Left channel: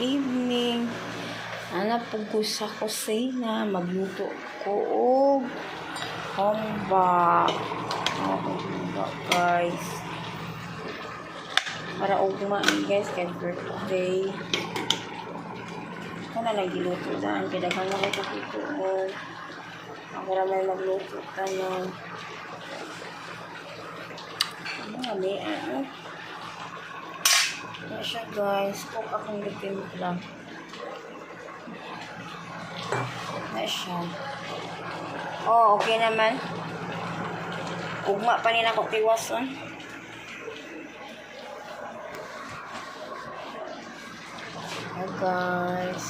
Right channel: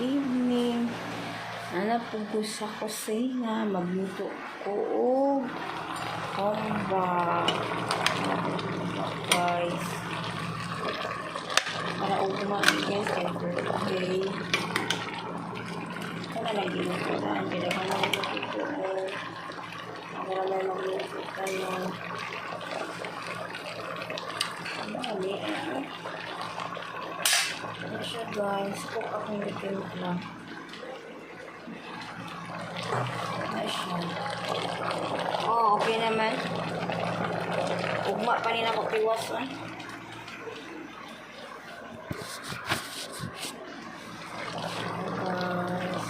evening. Ana pugos sa kusina, magluto ko og hombak. Hombak guys. Para ugma guys kay birthday. Kana lang giluto daan kay daghan na ko dito mo. Para may magluto tayo. Mali Ano siya guys, cook akong timpla. Ano siya. Oh, okay naman. Ugma pa rin ako tiwason. Guys.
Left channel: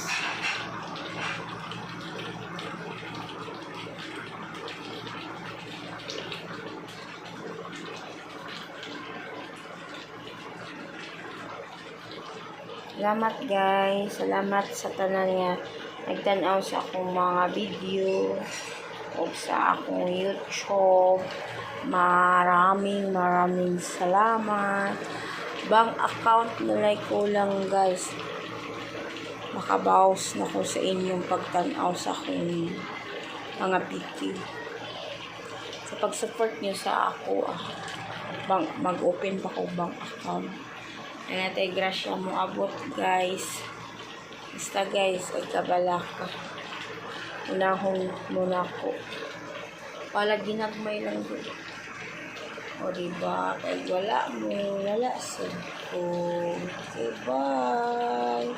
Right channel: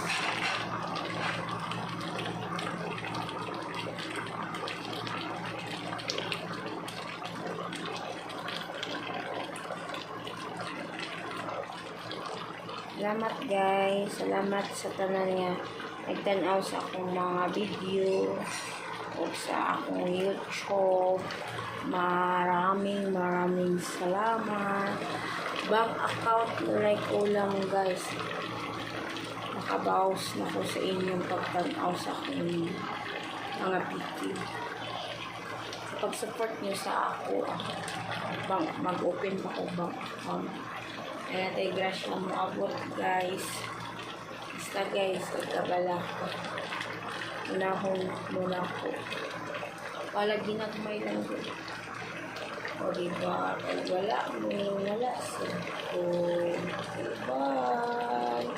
Salamat guys. Salamat sa tanan nga nagtanaw sa akong mga video o sa akong YouTube. Maraming salamat. Bank account nilay ko lang guys. Makabawas na ko sa inyong pagtanaw sa akong mga video. Sa pag-support nyo sa ako, mag-open pa ko bank account. Kaya tayo grasya mo abot guys. Basta guys, agkabala ko. Unahon muna ko. Wala ginagmay lang din. O diba? Kaya wala mo. Wala sa ko. Okay, bye.